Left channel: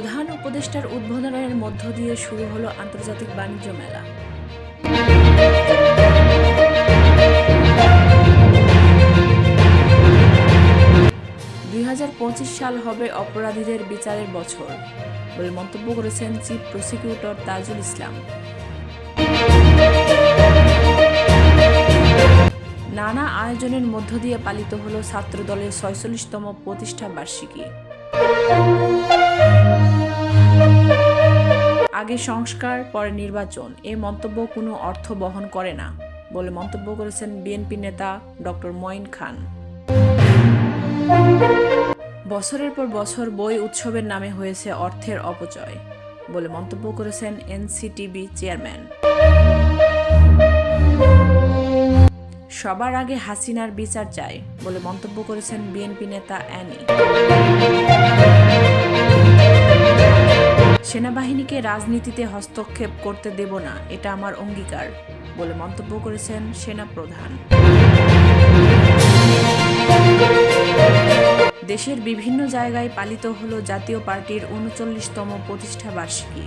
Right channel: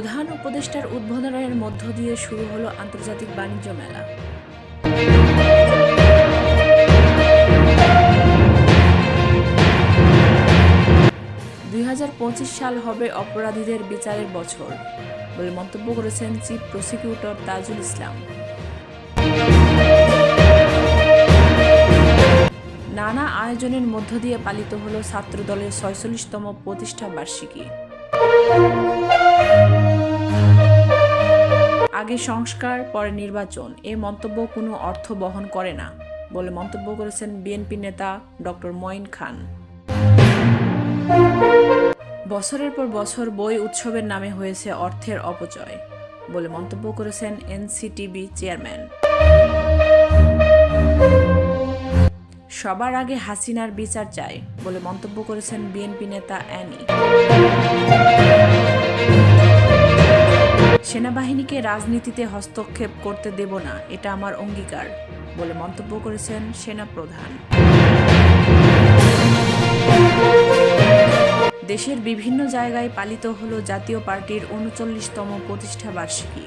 প্রধান উপদেষ্টার উদ্বোধনের মধ্য দিয়ে শুরু হলো আন্তর্জাতিক বাণিজ্য মেলা। দুই হাজার পঁচিশ সাল হবে অপরাধীদের বিচারের বছর বলে মন্তব্য করেছেন চিফ প্রসিকিউটর তাজুল ইসলাম। নানা আয়োজনের মধ্য দিয়ে পালিত হলো ছাত্রদলের ছয়চল্লিশতম প্রতিষ্ঠা বার্ষিকী আগে সংস্কার, পরে নির্বাচন। এ মন্তব্য কোনো অর্থ বহন করে না, বলে মন্তব্য করেছেন বিএনপি নেতা ডক্টর মঈন খান। বছরের পর বছর বই উৎসবের নামে হয়েছে অর্থের অপচয়, বলে মন্তব্য করেছেন এনসিটিবি চেয়ারম্যান। সবার আগে হাসিনার বিচার চাই, বলে মন্তব্য করেছেন বিএনপি নেতা অ্যানি। সেনাবাহিনীকে রাজনীতিতে হস্তক্ষেপ করতে দেব না, এটা আমার অঙ্গীকার, বলে মন্তব্য করেছেন সেনা প্রধান দেশের বিভিন্ন জায়গায় পালিত হল জাতীয় পার্টির উনচল্লিশতম প্রতিষ্ঠা বার্ষিকী